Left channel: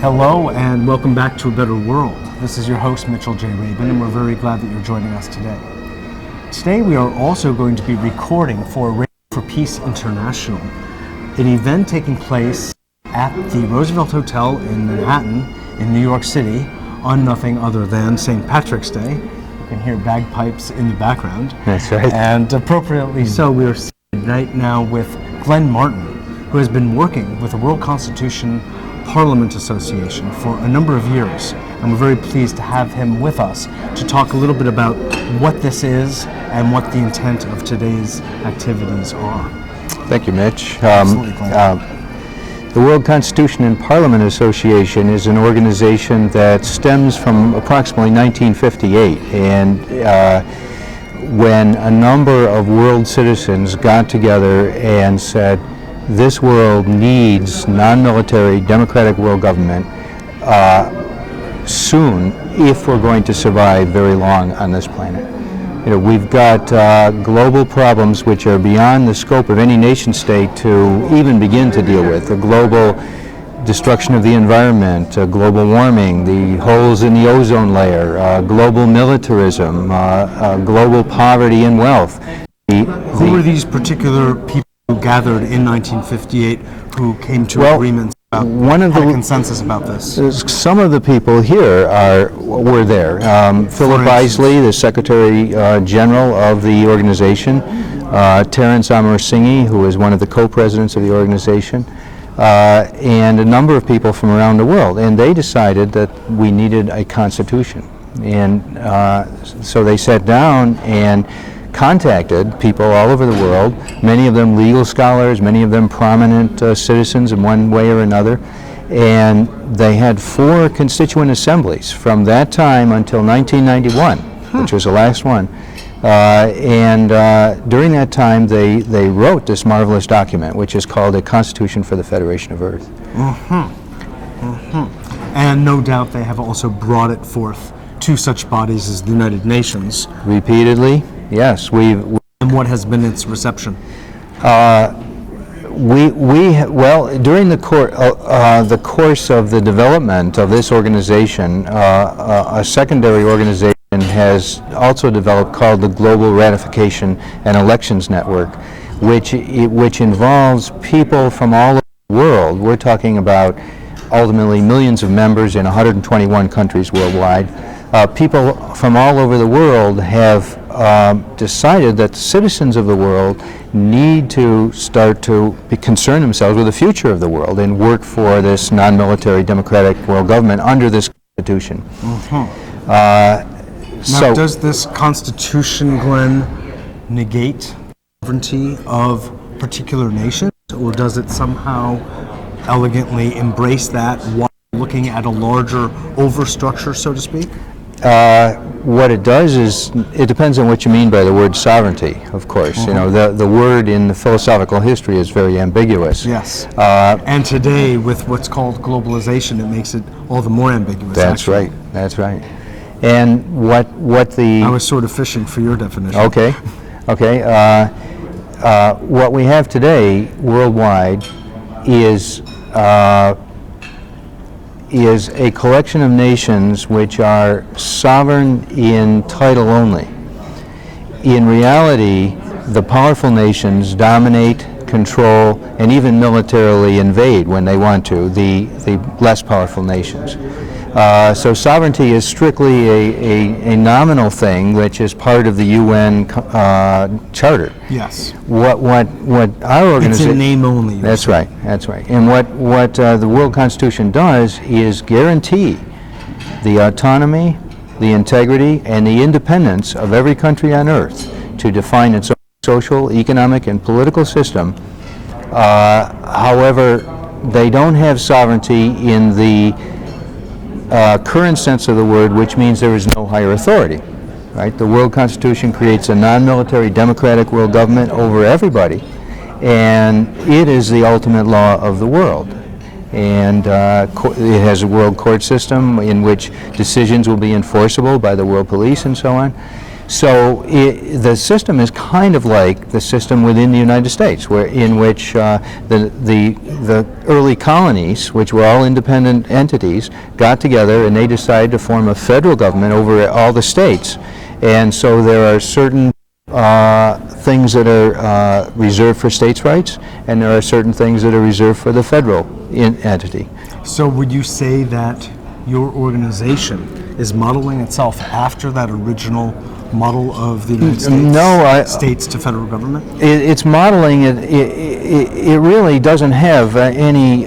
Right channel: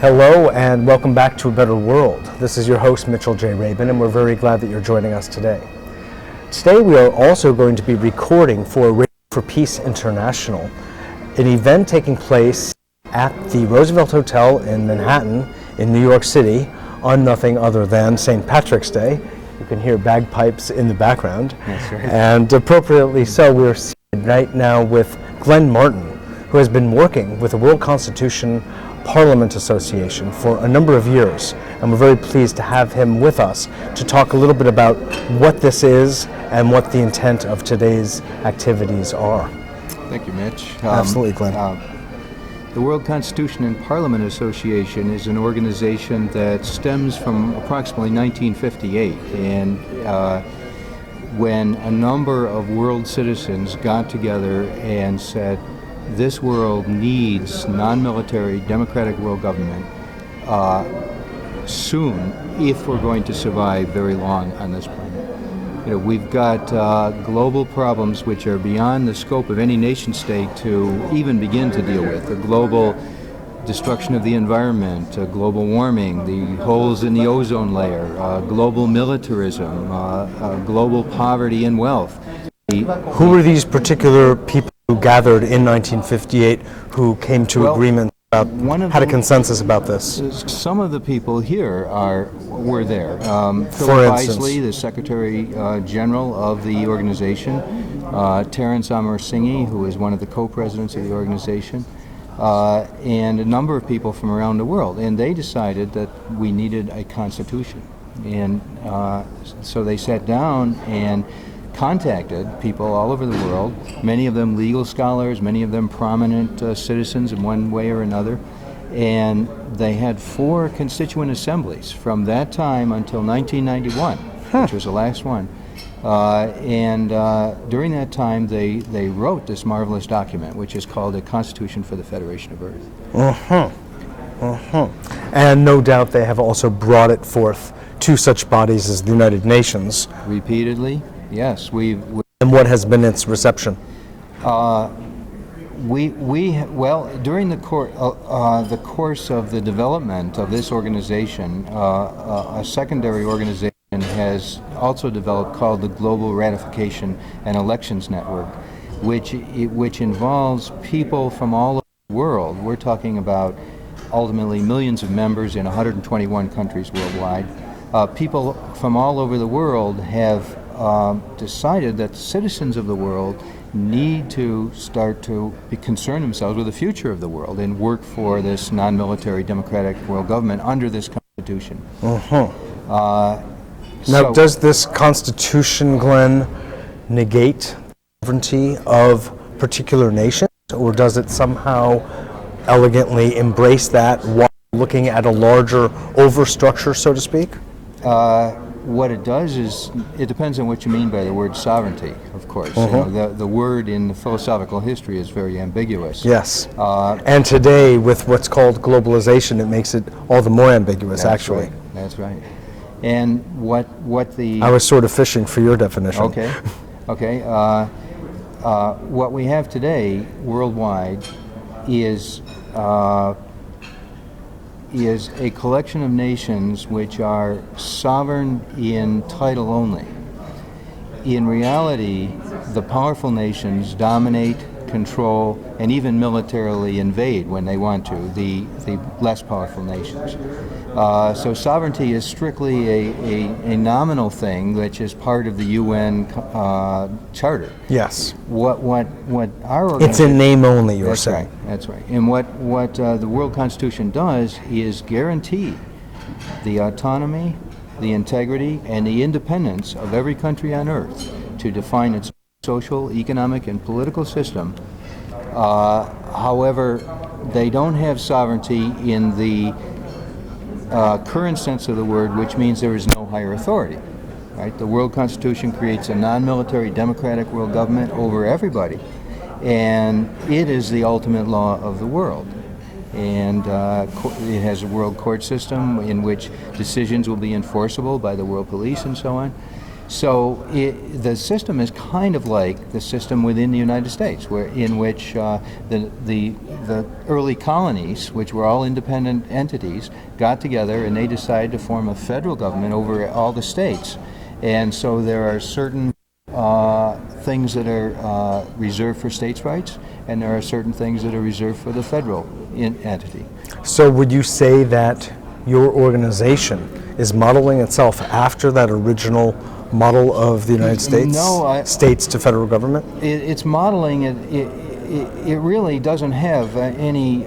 Hello and welcome back to A Better World. This is your host, Mitchell J. Rabin, and we're very glad that you're joining us today. Today we are also going to be recording for Radio for Peace International, an event taking place at the Roosevelt Hotel in Manhattan in New York City on nothing other than St. Patrick's Day. You can hear bagpipes in the background. That's right. And appropriately so, we are seated right now with Glen Martin, who has been working with the World Constitution Parliament Association for a number of years, and we're very pleased to have him with us to talk a little bit about what this is and what the intent of today's activities are. Thank you, Mitch. Absolutely, Glenn. The World Constitution and Parliament Association is an organization that stems from approximately 1958, and when a number of world citizens got together and said, this world needs non-military democratic world government soon if we're going to survive very long on this planet. You know, we've got global problems which are beyond the scope of any nation state to even begin to deal with. The global destruction of the environment, global warming, the holes in the ozone layer, global militarism, global poverty and wealth. Who were these particular people who gathered in 1958 who came to agreements about, had a consensus about this? Some of the people here were there. Phillip Isley, the Secretary General of the organization, Terence Ahersingha, who is one of the co-presidents of the organization, and a number of people from around the world. And they decided that we needed a constitution. And so they sat down and contacted people all over the world, many of them legal scholars, many of them prominent citizens in one way or another, and they had 4 constituent assemblies from that time until 1991, which was the last one. During that time they wrote this marvelous document, which is called a Constitution for the Federation of Earth. And no doubt they have also brought it forth to such bodies as the United Nations. Repeatedly. Yes, and what has been its reception? Well, during the course of the development of this organization, a secondary organization has also developed called the Global Ratification and Elections Network, which involves people from all over the world. We're talking about ultimately millions of members in 121 countries worldwide. People from all over the world have decided that the citizens of the world need to start to concern themselves with the future of the world and work for this non-military democratic world government under this Constitution. Now, does this Constitution, Glenn, negate the sovereignty of particular nations, or does it somehow elegantly embrace that while looking at a larger overstructure, so to speak? What it does is, it depends on what you mean by the word sovereignty, of course. You know, the word in the philosophical history is very ambiguous. Yes. And today, with what's called globalization, it makes it all the more ambiguous, That's right. That's right. And what the... I was sort of fishing for your definition. Okay. Okay. What we have today, worldwide, is a collection of nations which are sovereign in title only. In reality, the powerful nations dominate, control, and even militarily invade when they want to the less powerful nations. So sovereignty is strictly a nominal thing, which is part of the UN Charter. Yes. What our organization... It's in name only. That's right. That's right. And what the World Constitution does is guarantee the autonomy, the integrity, and the independence of every country on earth to define its own social, economic, and political system. However, they don't have sovereignty in the current sense of the word, which means there is no higher authority. Right? The World Constitution creates a non-military democratic world government over everybody, and it is the ultimate law of the world. And it has a world court system in which decisions will be enforceable by the world police and so on. So the system is kind of like the system within the United States, in which the early colonies, which were all independent entities, got together and they decided to form a federal government over all the states. And so there are certain things that are reserved for states' rights, and there are certain things that are reserved for the federal entity. So would you say that your organization is modeling itself after that original model of the United States? No, states to federal government? It's modeling it really doesn't have any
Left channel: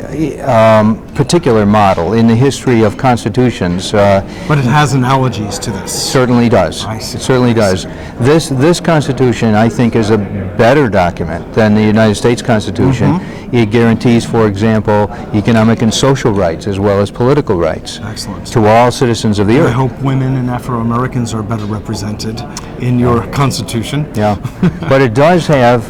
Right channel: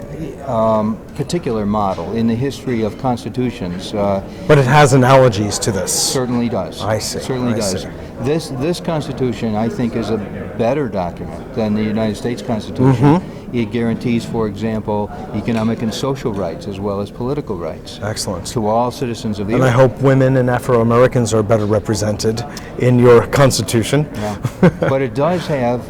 particular model in the history of constitutions. But it has analogies to this. Certainly does. I see. Certainly does. This Constitution, I think, is a better document than the United States Constitution. Mm-hmm. It guarantees, for example, economic and social rights as well as political rights. Excellent. To all citizens of the earth. I hope women and Afro-Americans are better represented in your Constitution. Yeah, but it does have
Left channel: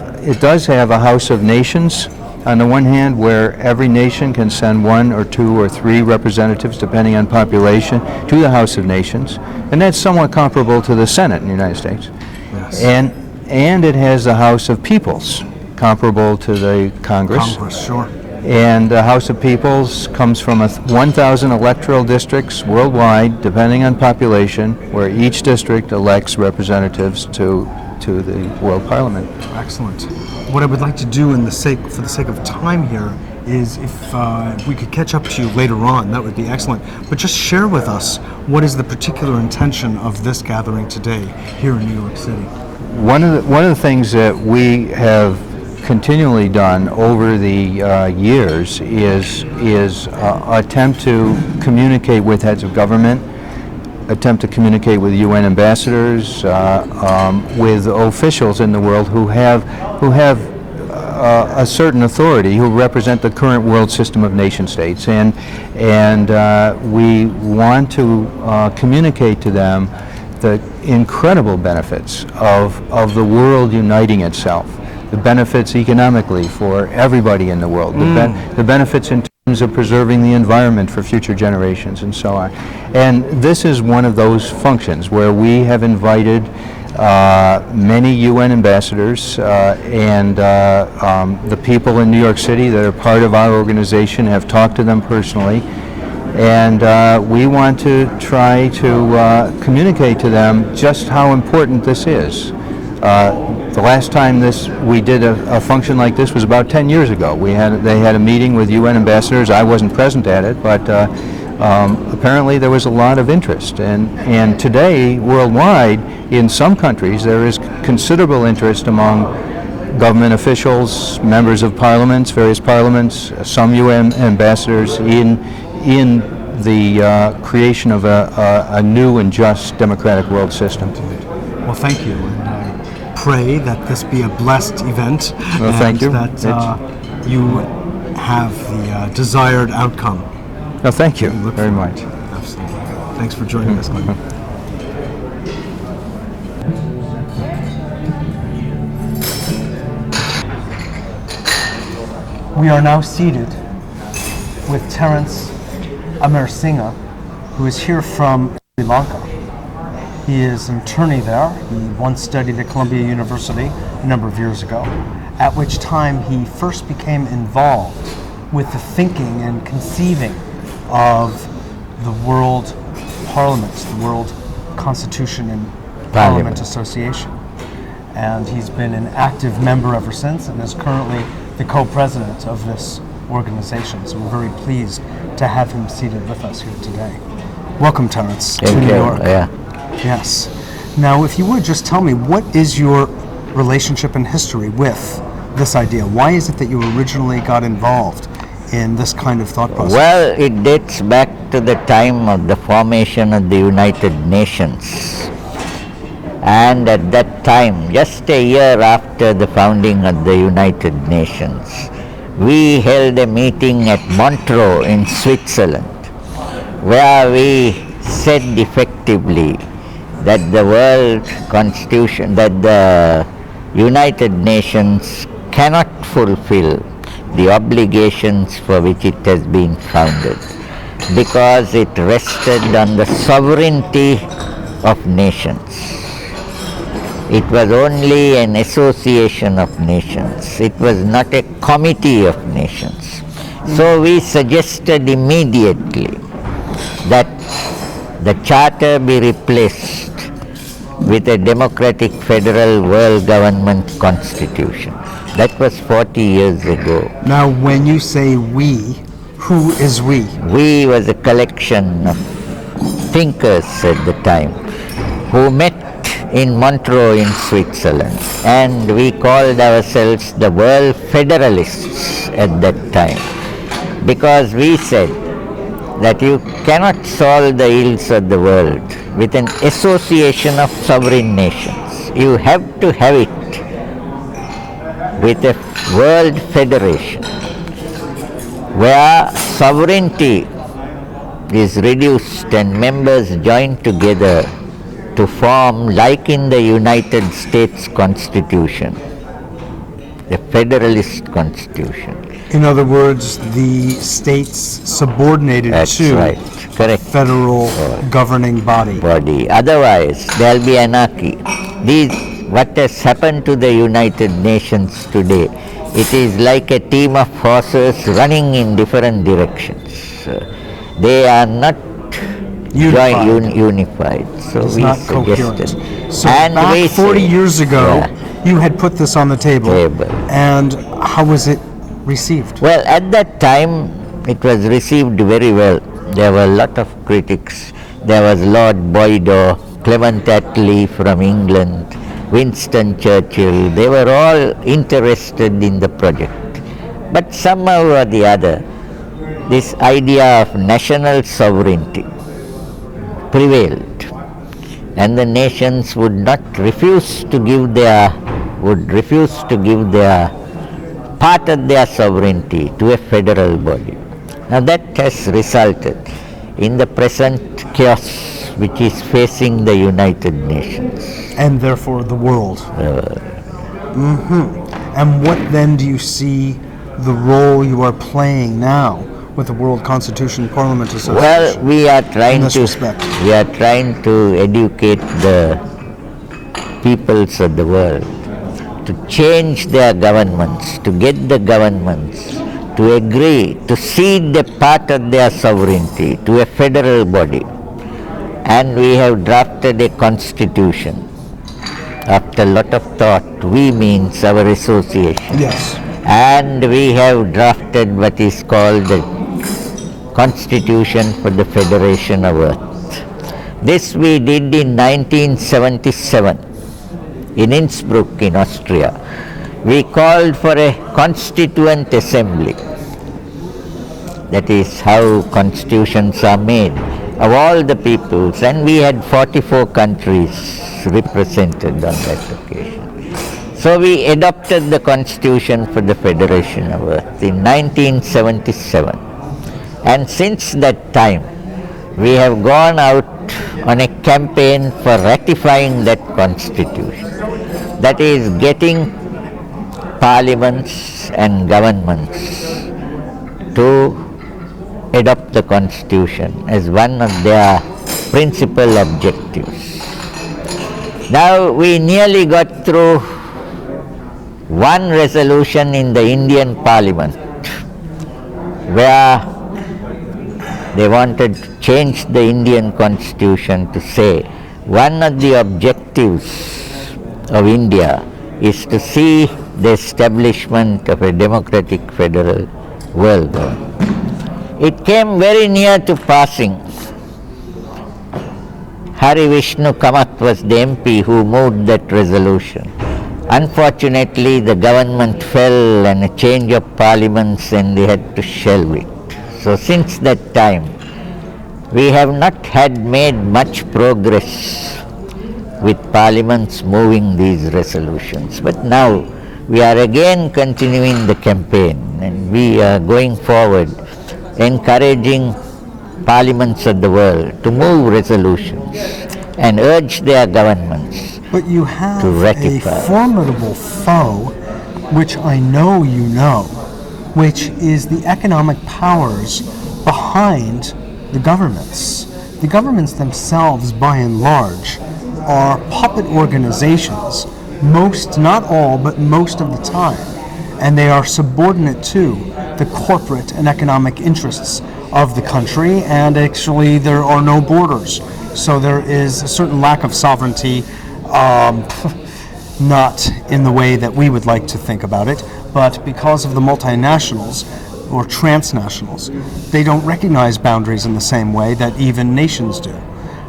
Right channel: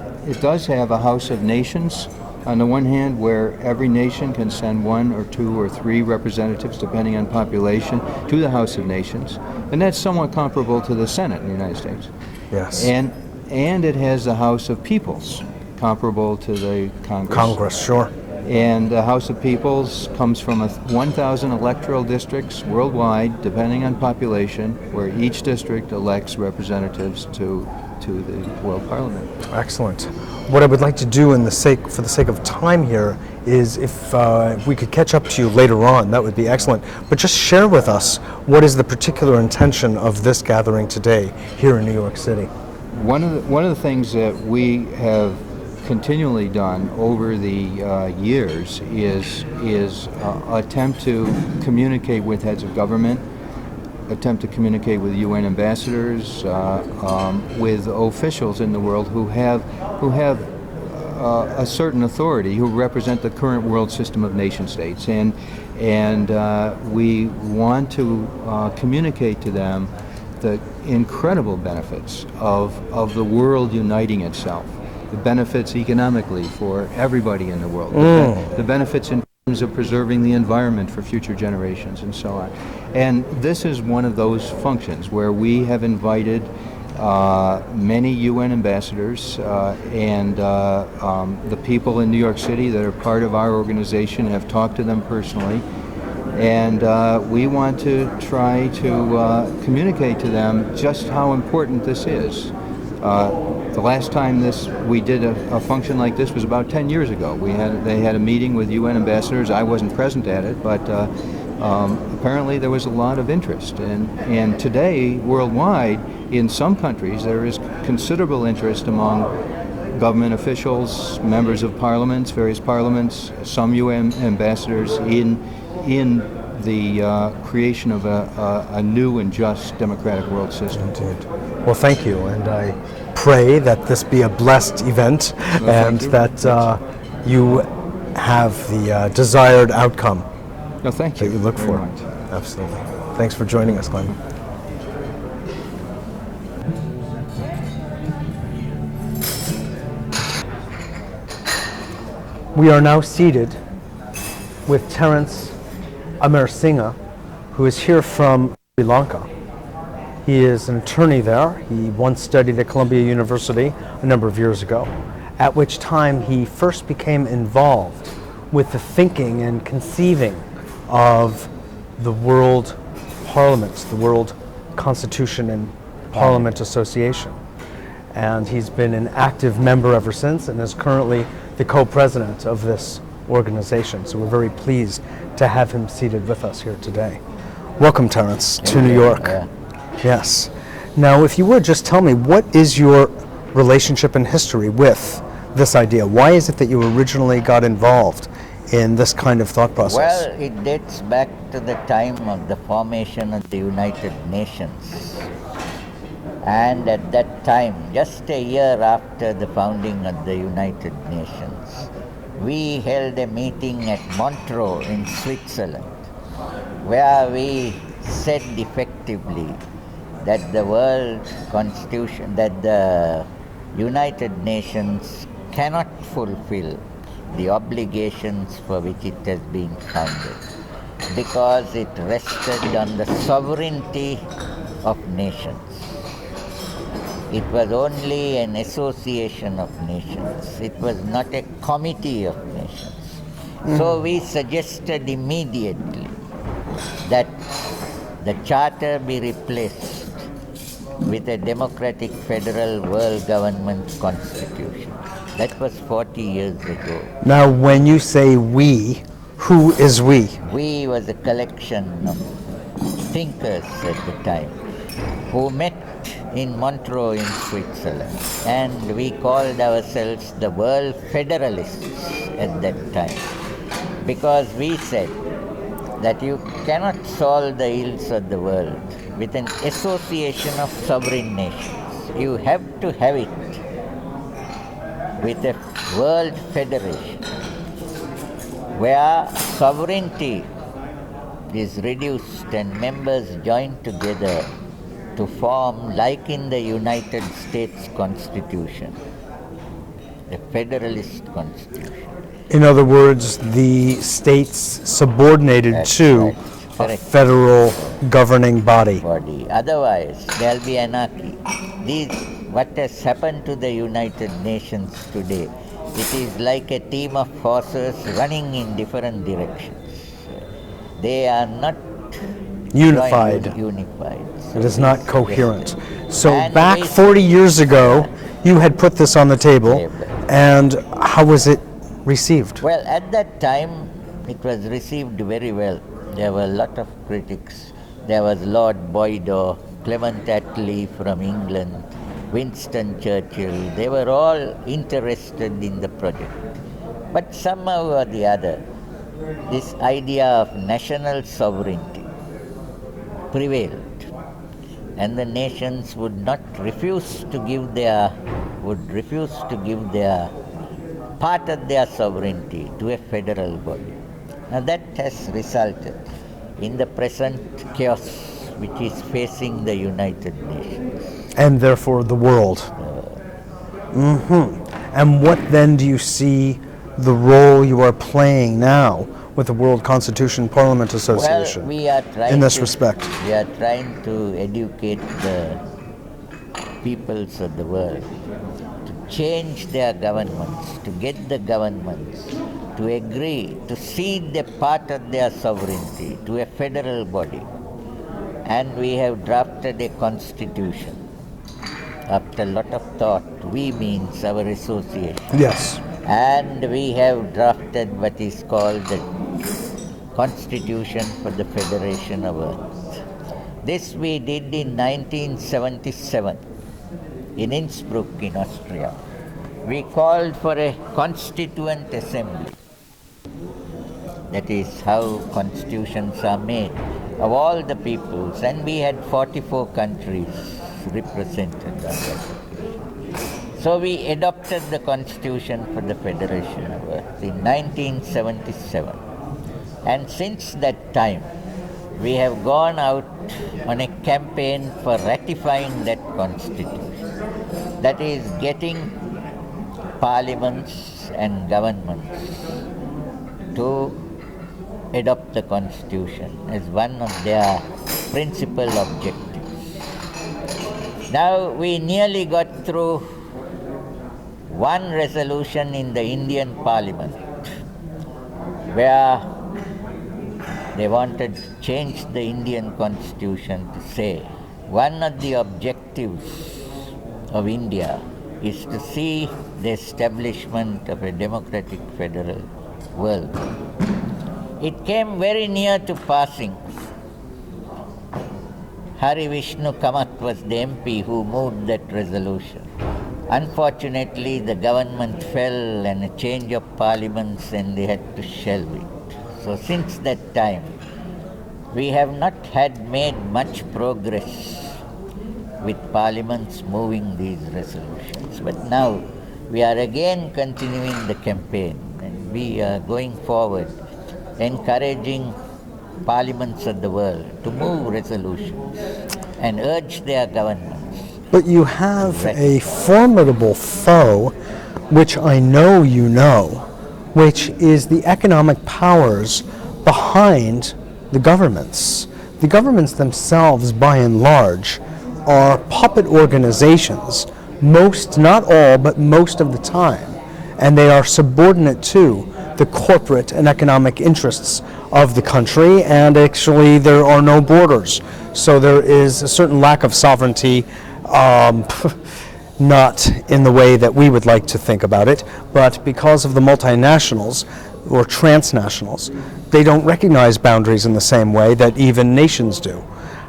a House of Nations on the one hand, where every nation can send 1 or 2 or 3 representatives, depending on population, to the House of Nations, and that's somewhat comparable to the Senate in the United States. Yes. And it has the House of Peoples, comparable to the Congress. Congress, sure. And the House of Peoples comes from 1,000 electoral districts worldwide, depending on population, where each district elects representatives to the World Parliament. Excellent. What I would like to do for the sake of time here is if we could catch up to you later on, that would be excellent. But just share with us what is the particular intention of this gathering today here in New York City. One of the things that we have continually done over the years is attempt to communicate with heads of government, attempt to communicate with UN ambassadors, with officials in the world who have a certain authority, who represent the current world system of nation states, and we want to communicate to them the incredible benefits of the world uniting itself, the benefits economically for everybody in the world, the benefits in terms of preserving the environment for future generations and so on. And this is one of those functions where we have invited many UN ambassadors and the people in New York City that are part of our organization have talked to them personally. And we want to try to communicate to them just how important this is. The last time we did a function like this was about 10 years ago. They had a meeting with UN ambassadors. I wasn't present at it, but apparently there was a lot of interest. And today, worldwide, in some countries, there is considerable interest among government officials, members of parliaments, various parliaments, some UN ambassadors in the creation of a new and just democratic world system. Indeed. Well, thank you, and I pray that this be a blessed event, and that you have the desired outcome. No, thank you Look very much. Absolutely. Thanks for joining us, Glen. We are now seated with Terence Ahersingha, who is here from Sri Lanka. He is an attorney there. He once studied at Columbia University a number of years ago, at which time he first became involved with the thinking and conceiving of the World Parliament, the World Constitution and Parliament Association. And he's been an active member ever since and is currently the co-president of this organization. So we're very pleased to have him seated with us here today. Welcome, Terence, to New York. Yeah. Yes. Now, if you would just tell me, what is your relationship and history with this idea? Why is it that you originally got involved in this kind of thought process? Well, it dates back to the time of the formation of the United Nations. And at that time, just a year after the founding of the United Nations, we held a meeting at Montreux in Switzerland, where we said effectively that the world constitution, that the United Nations cannot fulfill the obligations for which it has been founded, because it rested on the sovereignty of nations. It was only an association of nations. It was not a committee of nations. So we suggested immediately that the charter be replaced with a democratic federal world government constitution. That was 40 years ago. Now, when you say we, who is we? We was a collection of thinkers at the time who met in Montreux in Switzerland, and we called ourselves the World Federalists at that time, because we said that you cannot solve the ills of the world with an association of sovereign nations. You have to have it with a world federation where sovereignty is reduced and members join together to form, like in the United States Constitution, the Federalist Constitution. In other words, the states subordinated That's to right. a Correct. federal governing body. Otherwise, there will be anarchy. What has happened to the United Nations today, it is like a team of horses running in different directions. They are not unified. So It is we not suggested. coherent. So And back we 40 said- years ago, you had put this on the table, Table. and how was it received? Well, at that time, it was received very well. There were a lot of critics. There was Lord Boydo, Clement Attlee from England, Winston Churchill. They were all interested in the project. But somehow or the other, this idea of national sovereignty prevailed, and the nations would refuse to give their part of their sovereignty to a federal body. Now that has resulted in the present chaos which is facing the United Nations. And therefore the world. And what then do you see the role you are playing now with the World Constitution Parliament Well, Association? we are trying this respect. We are trying to educate the peoples of the world to change their governments, to get the governments to agree to cede a part of their sovereignty to a federal body. And we have drafted a constitution. After a lot of thought, we means our association. Yes. And we have drafted what is called the Constitution for the Federation of Earth. This we did in 1977 in Innsbruck in Austria. We called for a constituent assembly. That is how constitutions are made, of all the peoples, and we had 44 countries represented on that occasion. So we adopted the Constitution for the Federation of Earth in 1977. And since that time, we have gone out on a campaign for ratifying that Constitution. That is, getting parliaments and governments to adopt the Constitution as one of their principal objectives. Now we nearly got through one resolution in the Indian Parliament where they wanted to change the Indian Constitution to say one of the objectives of India is to see the establishment of a democratic federal world. It came very near to passing. Hari Vishnu Kamath was the MP who moved that resolution. Unfortunately, the government fell and a change of parliaments and they had to shelve it. So since that time, we have not had made much progress with parliaments moving these resolutions. But now we are again continuing the campaign, and we are going forward encouraging parliaments of the world to move resolutions and urge their governments. But you have a ratify. formidable foe, which I know you know, which is the economic powers behind the governments. The governments themselves, by and large, are puppet organizations, most, not all, but most of the time, and they are subordinate to the corporate and economic interests of the country, and actually there are no borders. So there is a certain lack of sovereignty, not in the way that we would like to think about it, but because of the multinationals or transnationals, they don't recognize boundaries in the same way that even nations do.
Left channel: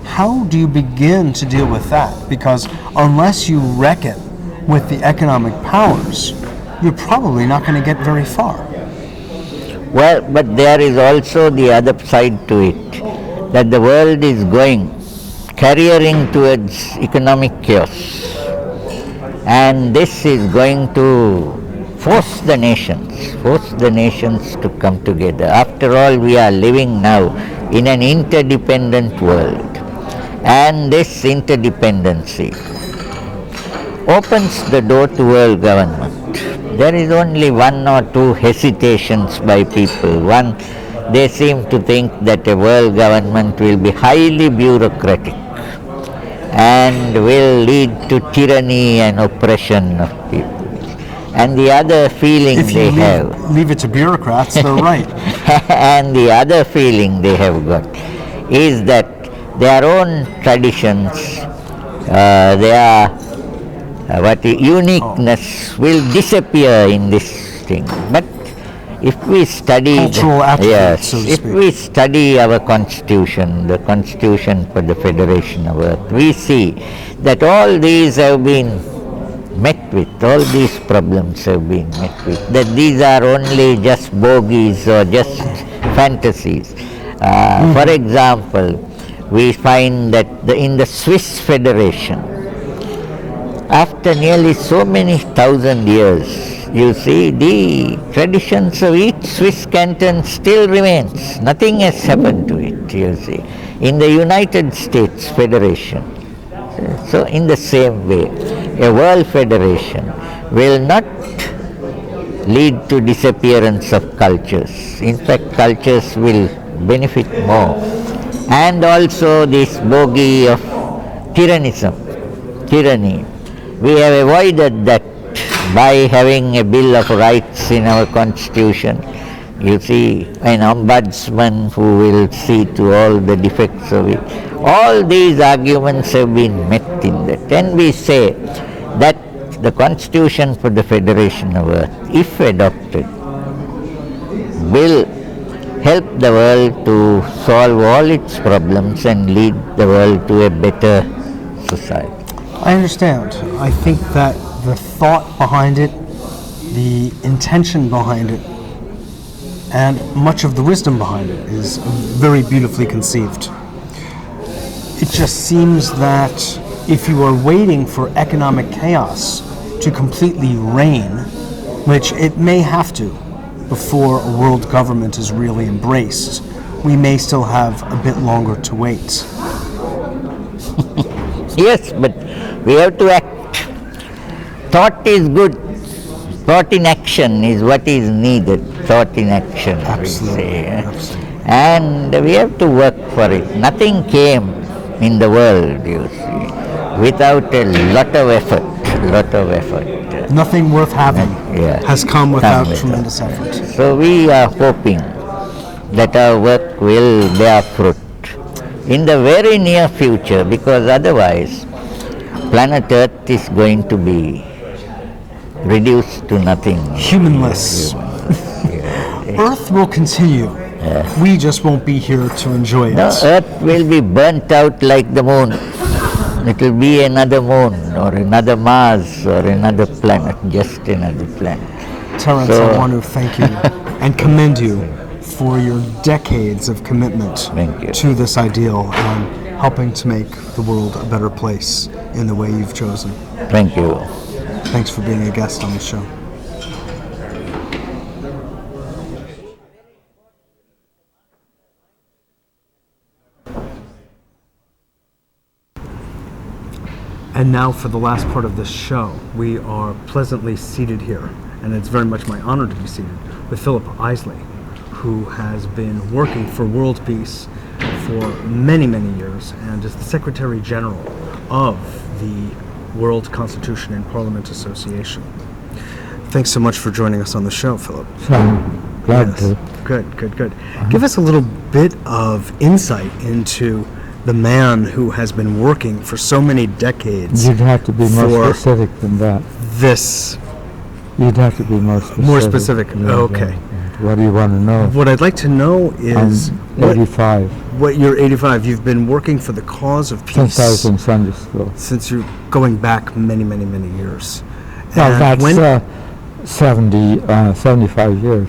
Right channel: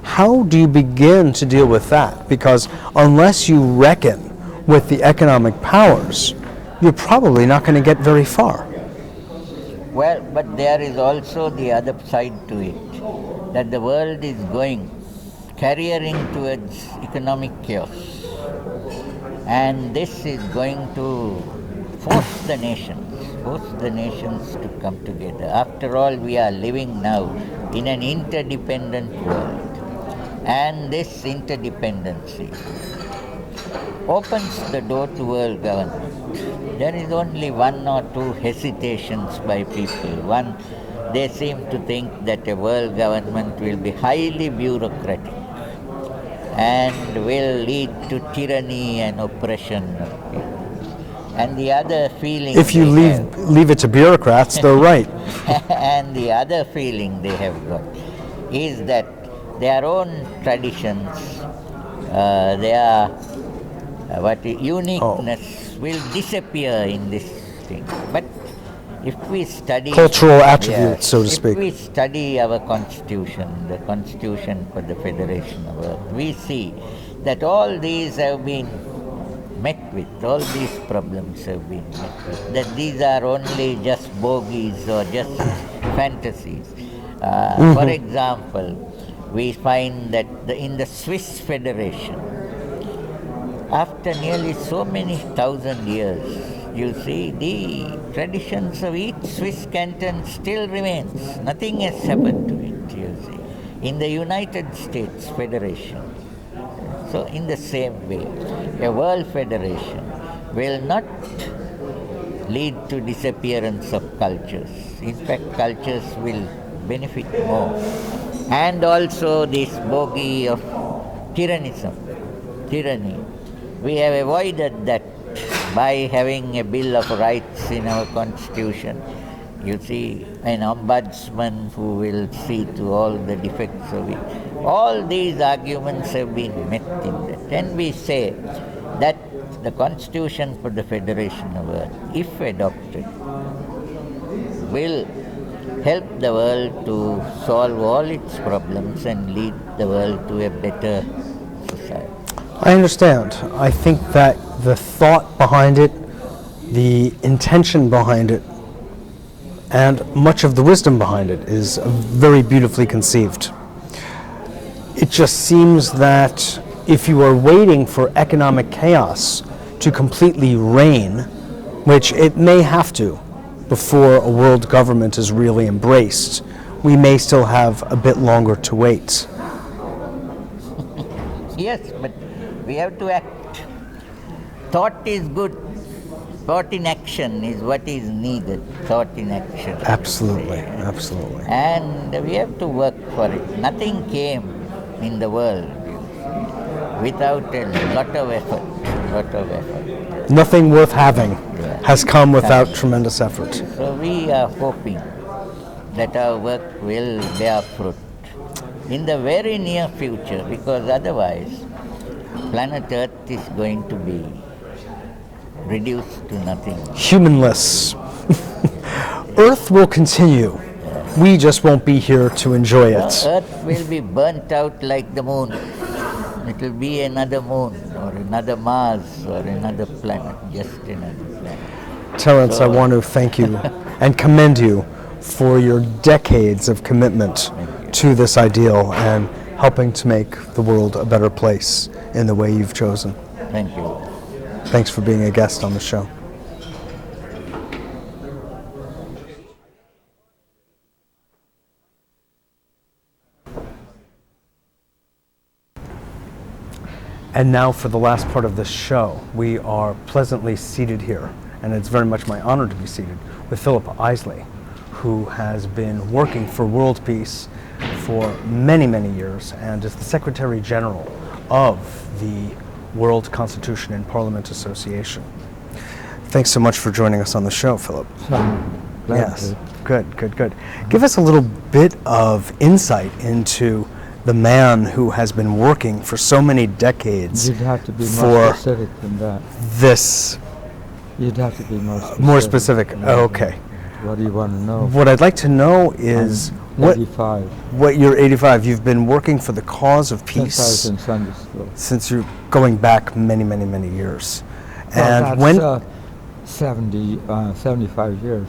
How do you begin to deal with that? Because unless you reckon with the economic powers, you're probably not going to get very far. Well, but there is also the other side to it, that the world is careering towards economic chaos. And this is going to force the nations to come together. After all, we are living now in an interdependent world. And this interdependency opens the door to world government. There is only one or two hesitations by people. One, they seem to think that a world government will be highly bureaucratic and will lead to tyranny and oppression of people. And the other feeling if you leave it to bureaucrats, they're right. And the other feeling they have got is that their own traditions, their uniqueness will disappear in this thing. But if we study cultural attributes, so to speak. If we study our constitution, the constitution for the Federation of Earth, we see that all these have been met with, all these problems have been met with, that these are only just bogies or just fantasies. For example, we find that in the Swiss Federation, after nearly so many thousand years, you see, the traditions of each Swiss canton still remains. Nothing has happened to it, you see. In the United States Federation, so in the same way, a world federation will not lead to disappearance of cultures. In fact, cultures will benefit more. And also this bogey of tyranny. We have avoided that by having a Bill of Rights in our constitution. You see, an ombudsman who will see to all the defects of it. All these arguments have been met in that. And we say that the Constitution for the Federation of Earth, if adopted, will help the world to solve all its problems and lead the world to a better society. I understand. I think that the thought behind it, the intention behind it, and much of the wisdom behind it is very beautifully conceived. It just seems that if you are waiting for economic chaos to completely reign, which it may have to before a world government is really embraced, we may still have a bit longer to wait. Yes, but we have to act. Thought is good. Thought in action is what is needed. Thought in action. Absolutely, absolutely. And we have to work for it. Nothing came in the world, you see, without a lot of effort. Nothing worth having has come without tremendous effort. So we are hoping that our work will bear fruit in the very near future, because otherwise planet Earth is going to be reduced to nothing. Humanless. Earth will continue. We just won't be here to enjoy it. No, Earth will be burnt out like the moon. It will be another moon or another Mars or another planet, just another planet. Terence, I want to thank you and commend you for your decades of commitment to this ideal and helping to make the world a better place in the way you've chosen. Thank you. Thanks for being a guest on the show. And now for the last part of this show, we are pleasantly seated here, and it's very much my honor to be seated with Phillip Isley, who has been working for world peace for many, many years and is the Secretary General of the World Constitution and Parliament Association. Thanks so much for joining us on the show, Phillip. Glad to. Good. Give us a little bit of insight into the man who has been working for so many decades. You'd have to be more specific than that. This. You'd have to be more specific. More specific. Okay. What do you want to know? What I'd like to know is 85. What you're 85. You've been working for the cause of peace Since I was in Sunday school. Since you're going back many years. Well, And that's 75 years.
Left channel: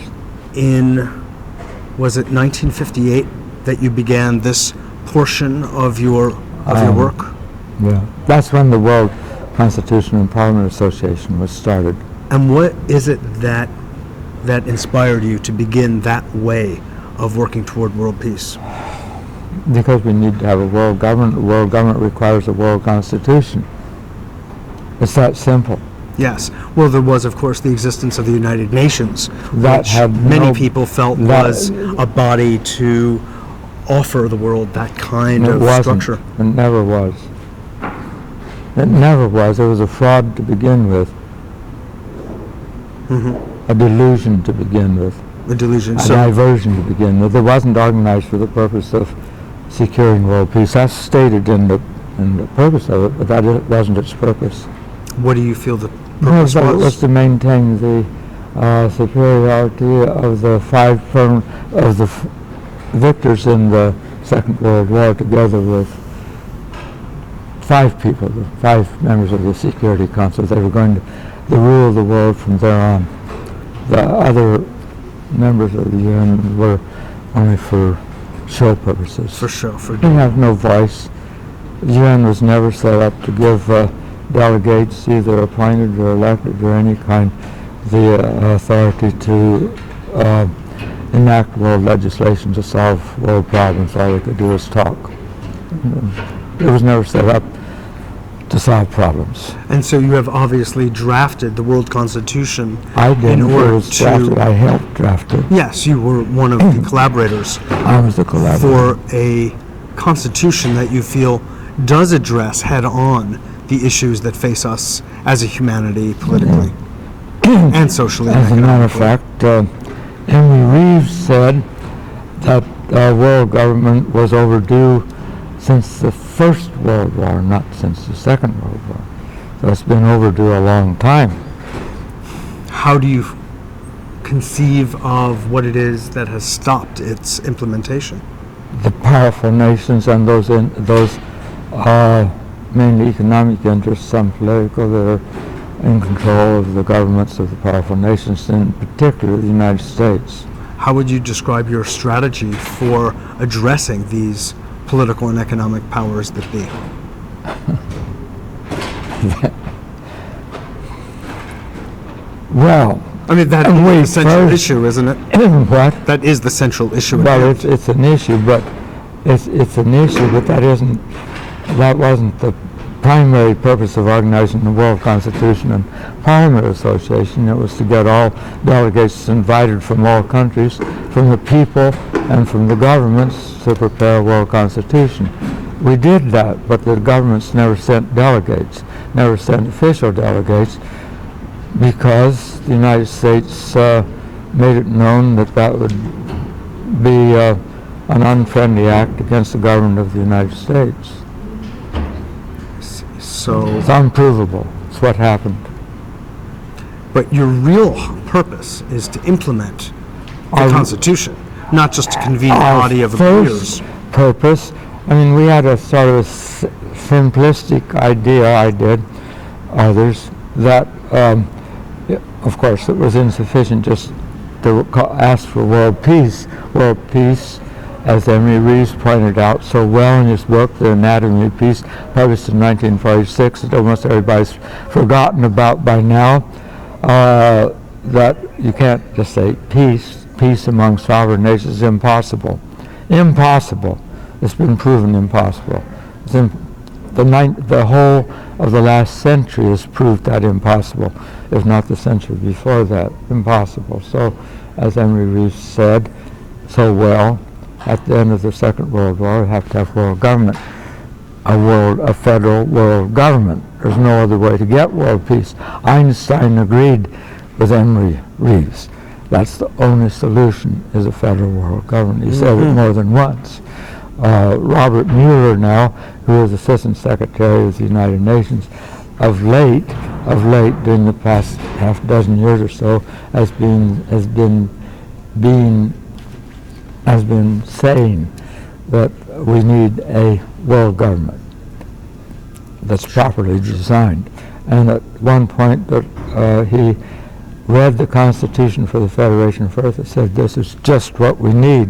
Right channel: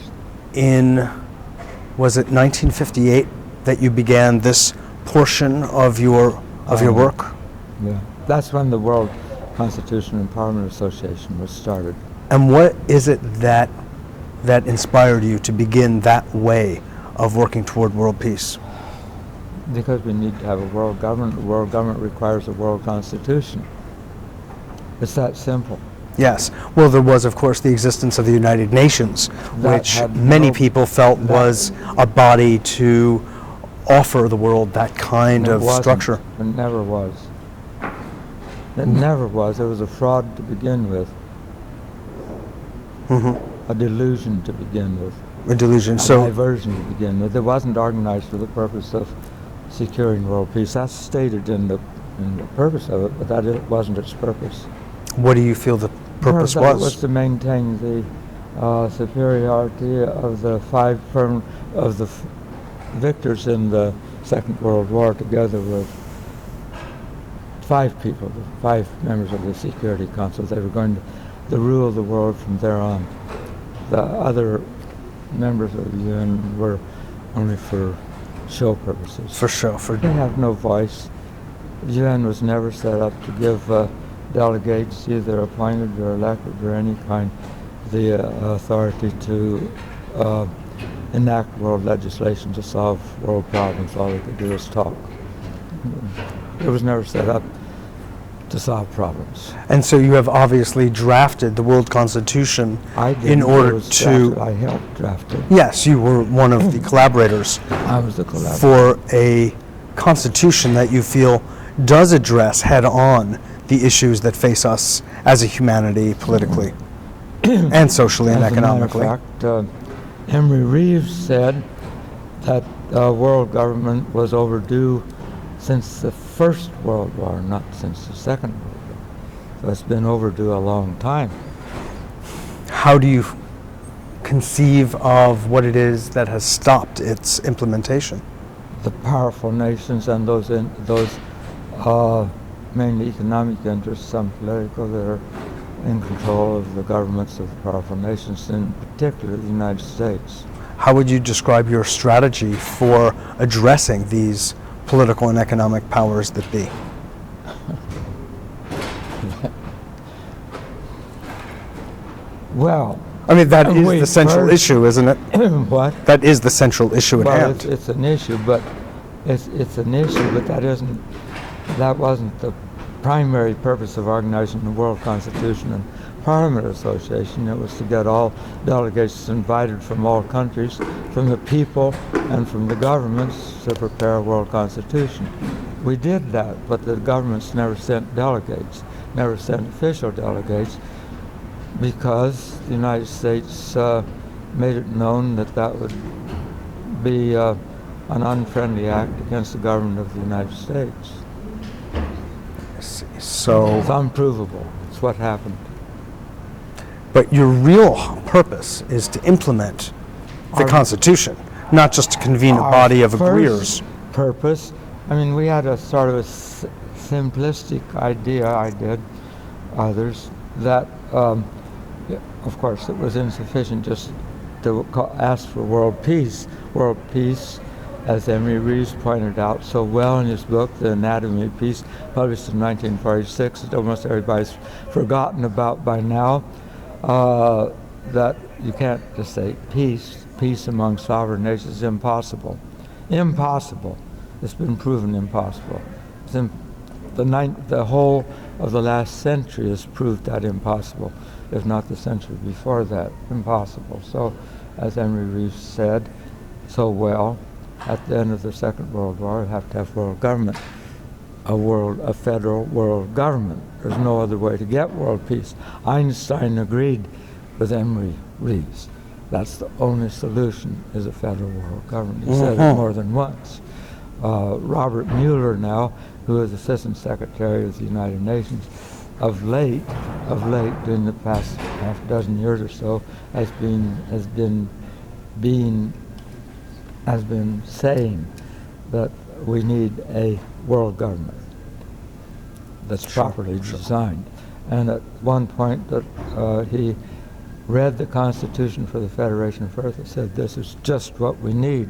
Was it 1958 that you began this portion of your work? Yeah, that's when the World Constitution and Parliament Association was started. And what is it that inspired you to begin that way of working toward world peace? Because we need to have a world government. The world government requires a world constitution. It's that simple. Yes. Well, there was, of course, the existence of the United Nations, which many people felt was a body to offer the world that kind of structure. It never was. It never was. It was a fraud to begin with. Mm-hmm. A delusion to begin with. A delusion. A diversion to begin with. It wasn't organized for the purpose of securing world peace. That's stated in the purpose of it, but that wasn't its purpose. What do you feel the purpose was? It was to maintain the superiority of the victors in the Second World War, together with 5 people, the 5 members of the Security Council. They were going to rule the world from there on. The other members of the UN were only for show purposes. For show. They have no voice. The UN was never set up to give delegates, either appointed or elected or any kind, the authority to enact world legislation to solve world problems. All they could do is talk. It was never set up to solve problems. And so you have obviously drafted the World Constitution I didn't. in order to... I helped draft it. Yes, you were one of the collaborators. I was the collaborator. For a constitution that you feel does address head-on the issues that face us as a humanity, politically, and socially and economically. As a matter of fact, Henry Reeves said that world government was overdue since the First World War, not since the Second World War. So it's been overdue a long time. How do you conceive of what it is that has stopped its implementation? The powerful nations and those mainly economic interests, some political, that are in control of the governments of the powerful nations, in particular the United States. How would you describe your strategy for addressing these political and economic powers that be? Well, I mean, that is the central issue, isn't it? What? That is the central issue at hand. Well, it's an issue, but that wasn't the primary purpose of organizing the World Constitution and Parliament Association. It was to get all delegates invited from all countries, from the people and from the governments, to prepare a World Constitution. We did that, but the governments never sent delegates, never sent official delegates, because the United States made it known that that would be an unfriendly act against the government of the United States. So it's unprovable. It's what happened. But your real purpose is to implement the Constitution, not just to convene a body of agreeers. Purpose, I mean, we had a sort of simplistic idea, I did, others, that of course it was insufficient just to ask for world peace. World peace, as Henry Reeves pointed out so well in his book, The Anatomy of Peace, published in 1946, that almost everybody's forgotten about by now, that you can't just say peace among sovereign nations is impossible. Impossible. It's been proven impossible. The whole of the last century has proved that impossible, if not the century before that, impossible. So, as Henry Reeves said so well, at the end of the Second World War, we have to have world government. a federal world government. There's no other way to get world peace. Einstein agreed with Emory Reeves. That's the only solution, is a federal world government. He said it more than once. Robert Mueller now, who is Assistant Secretary of the United Nations, of late, during the past half dozen years or so, has been saying that we need a world government that's properly designed. And at one point that he read the Constitution for the Federation of Earth, it said, "This is just what we need."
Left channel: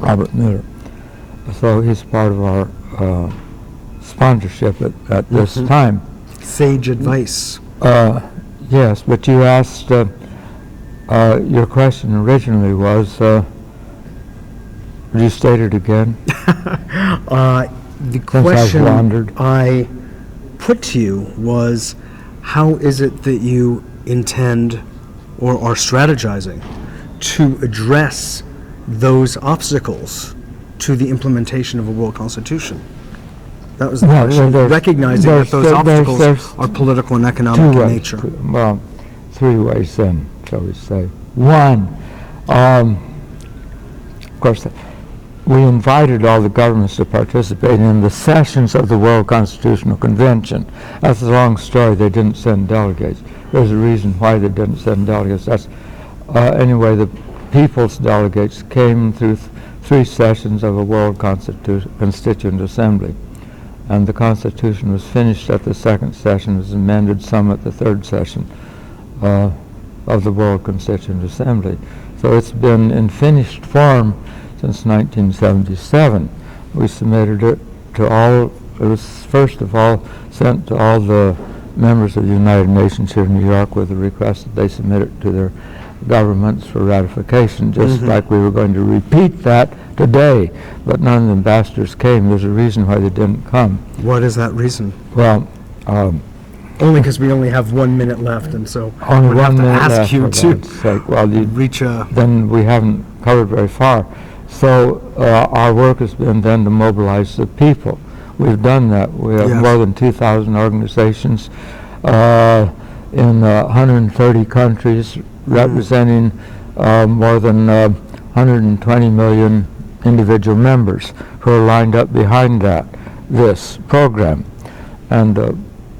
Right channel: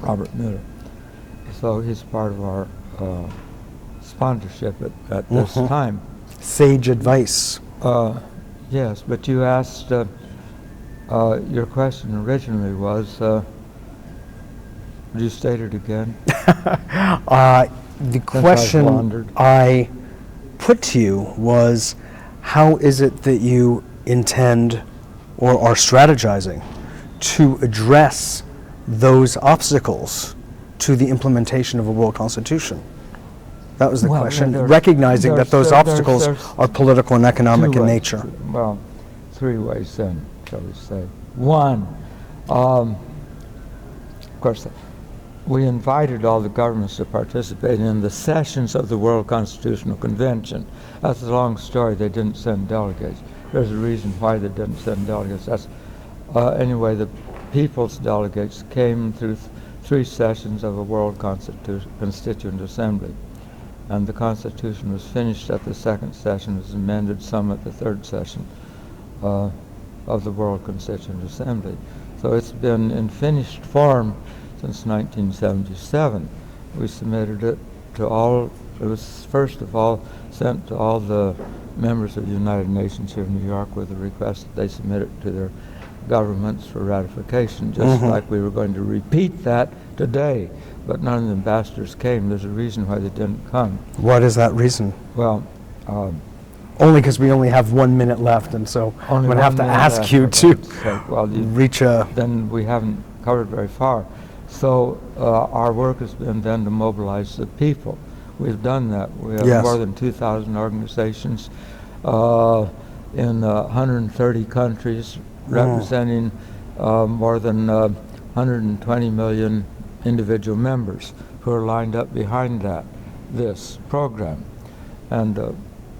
Robert Mueller. So he's part of our sponsorship at this time. Sage advice. Yes, but you asked, your question originally was, would you state it again? The question I put to you was, how is it that you intend or are strategizing to address those obstacles to the implementation of a world constitution? That was the question, recognizing that those obstacles are political and economic in nature. Well, three ways then, shall we say. One, of course, we invited all the governments to participate in the sessions of the World Constitutional Convention. That's a long story. They didn't send delegates. There's a reason why they didn't send delegates. That's anyway, the people's delegates came through three sessions of a World Constituent Assembly. And the Constitution was finished at the second session, was amended some at the third session of the World Constituent Assembly. So it's been in finished form since 1977. We submitted it to all, it was first of all sent to all the members of the United Nations here in New York with a request that they submit it to their governments for ratification, just like we were going to repeat that today, but none of the ambassadors came. There's a reason why they didn't come. What is that reason? Well, only because we only have 1 minute left, and so I'm going to have to ask you to reach a... Then we haven't covered very far. So our work has been then to mobilize the people. We've done that. We have more than 2,000 organizations in 130 countries, representing more than 120 million individual members who are lined up behind this program. And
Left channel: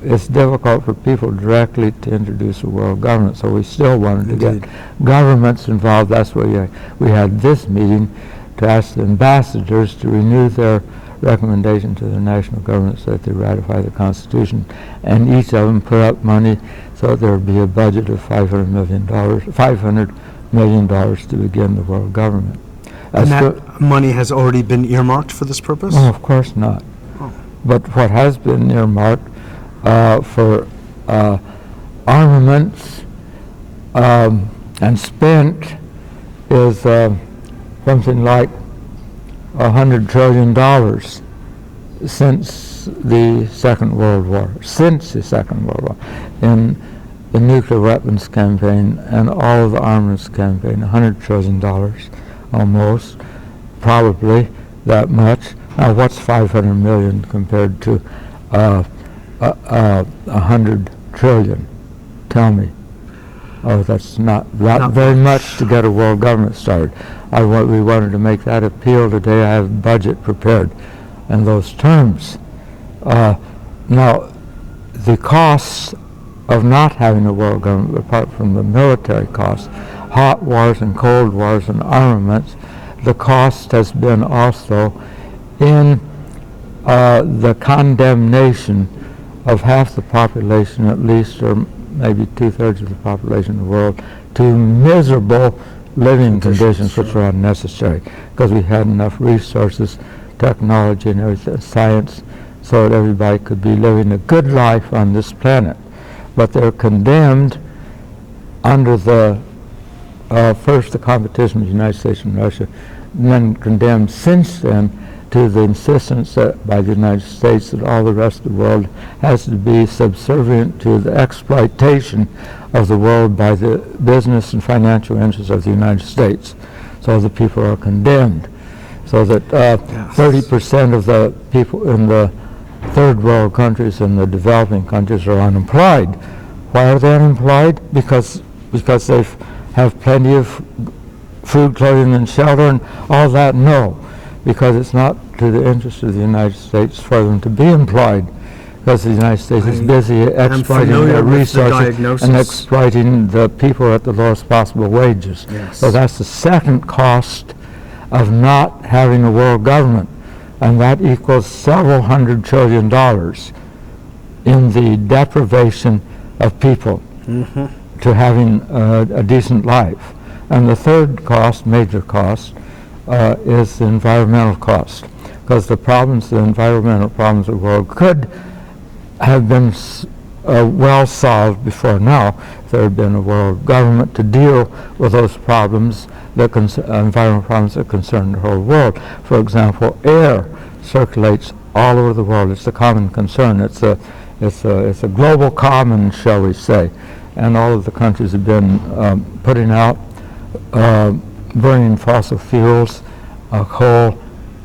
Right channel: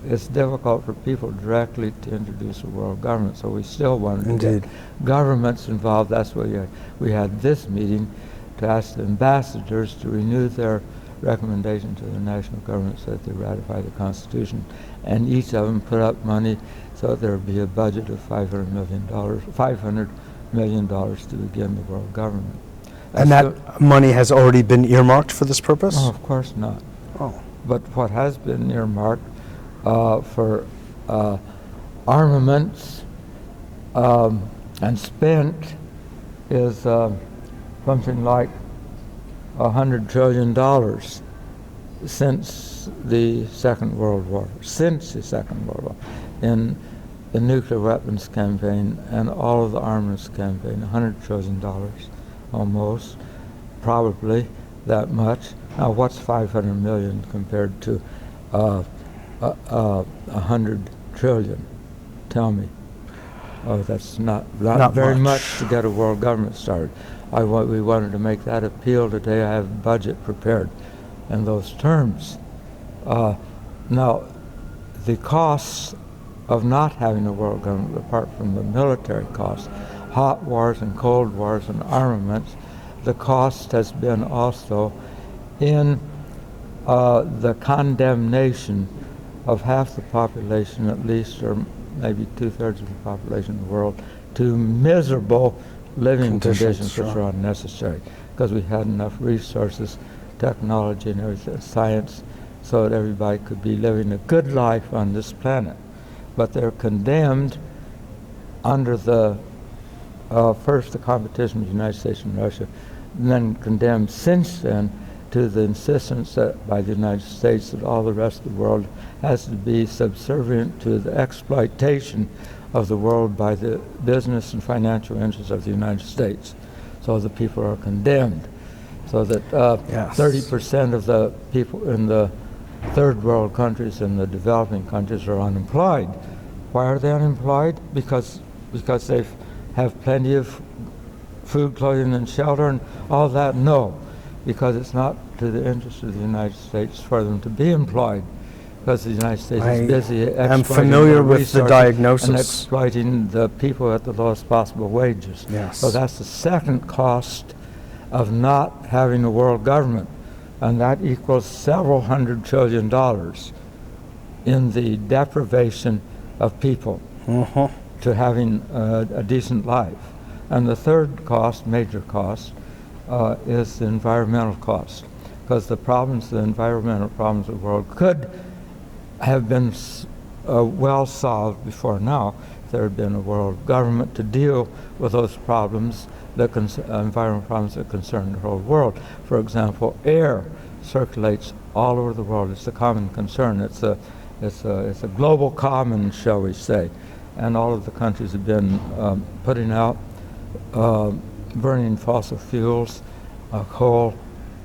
it's difficult for people directly to introduce a world government, so we still wanted to get governments involved. That's why we had this meeting, to ask the ambassadors to renew their recommendation to the national governments that they ratify the Constitution, and each of them put up money so that there would be a budget of $500 million to begin the world government. And that money has already been earmarked for this purpose? Oh, of course not. Oh. But what has been earmarked for armaments and spent is something like $100 trillion since the Second World War. In the nuclear weapons campaign and all of the armaments campaign, $100 trillion almost, probably that much. Now what's 500 million compared to 100 trillion? Tell me. Oh, that's not very much to get a world government started. We wanted to make that appeal today. I have a budget prepared in those terms. Now, the costs of not having a world government, apart from the military costs, hot wars and cold wars and armaments, the cost has been also in the condemnation of half the population at least, or maybe 2/3 of the population of the world, to miserable living conditions which are unnecessary, because we had enough resources, technology and everything, science, so that everybody could be living a good life on this planet. But they're condemned under the first the competition with the United States and Russia, and then condemned since then to the insistence by the United States that all the rest of the world has to be subservient to the exploitation of the world by the business and financial interests of the United States. So the people are condemned. So that Yes. 30% of the people in the third world countries and the developing countries are unemployed. Why are they unemployed? Because they have plenty of food, clothing, and shelter, and all that? No, because it's not to the interest of the United States for them to be employed, because the United States is busy exploiting their resources and exploiting the people at the lowest possible wages. Yes. So that's the second cost of not having a world government, and that equals several $100 trillion in the deprivation of people to having a decent life. And the third cost, major cost, is the environmental cost, because the environmental problems of the world could have been well solved before now if there had been a world government to deal with those problems, environmental problems that concern the whole world. For example, air circulates all over the world. It's a common concern. It's a global common, shall we say. And all of the countries have been putting out, burning fossil fuels, coal,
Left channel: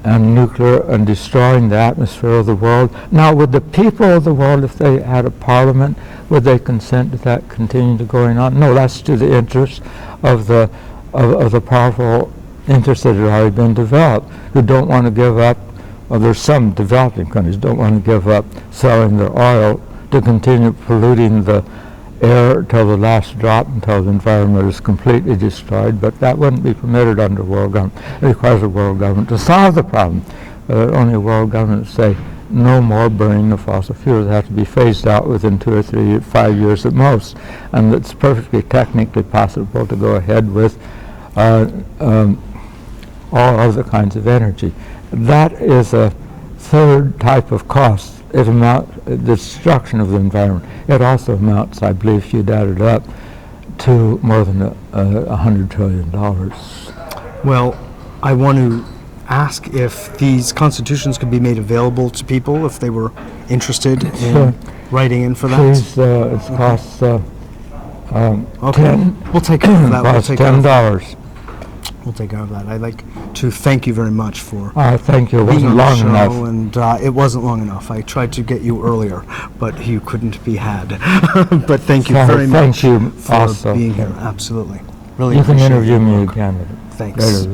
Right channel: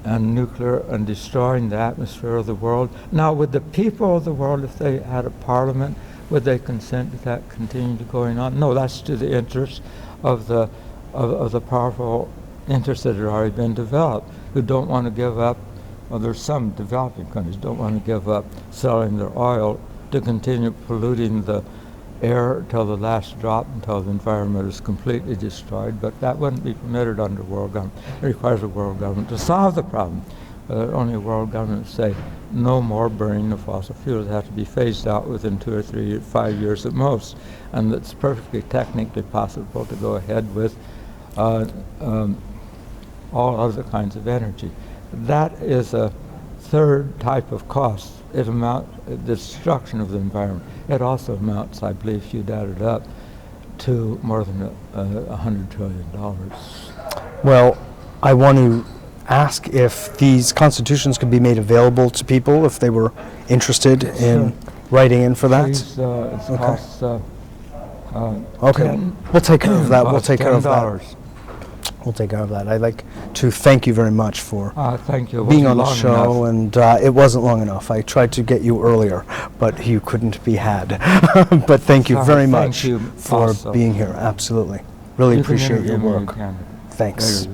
and nuclear, and destroying the atmosphere of the world. Now, would the people of the world, if they had a parliament, would they consent to that continue to going on? No, that's to the interest of the powerful interests that have already been developed, who don't want to give up. Well, there's some developing countries don't want to give up selling their oil to continue polluting the air till the last drop, until the environment is completely destroyed, but that wouldn't be permitted under world government. It requires a world government to solve the problem. Only a world government to say no more burning of fossil fuels. They have to be phased out within 2 or 3 or 5 years at most, and it's perfectly technically possible to go ahead with all other kinds of energy. That is a third type of cost. The destruction of the environment. It also amounts, I believe, if you'd add it up, to more than $100 trillion. Well, I want to ask if these constitutions could be made available to people if they were interested in writing in for that. Please, it costs okay. We'll take care of that. We'll take care of that. $10. We'll take care of that. I'd like to thank you very much for Thank you. being on the show, and it wasn't long enough. I tried to get you earlier, but you couldn't be had. But thank you very much for being here. Absolutely. Really appreciate your work. Thanks.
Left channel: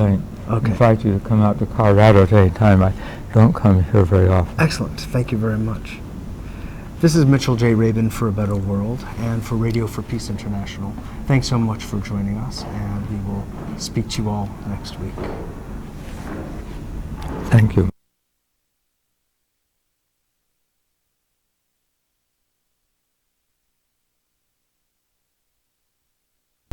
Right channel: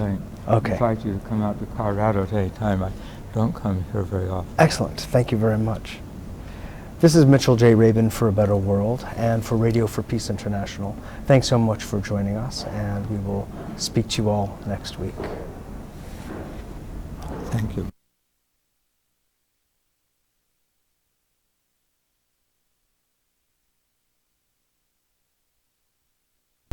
Okay. Invite you to come out to Colorado at any time. I don't come here very often. Excellent. Thank you very much. This is Mitchell J. Rabin for A Better World and for Radio for Peace International. Thanks so much for joining us, and we will speak to you all next week. Thank you.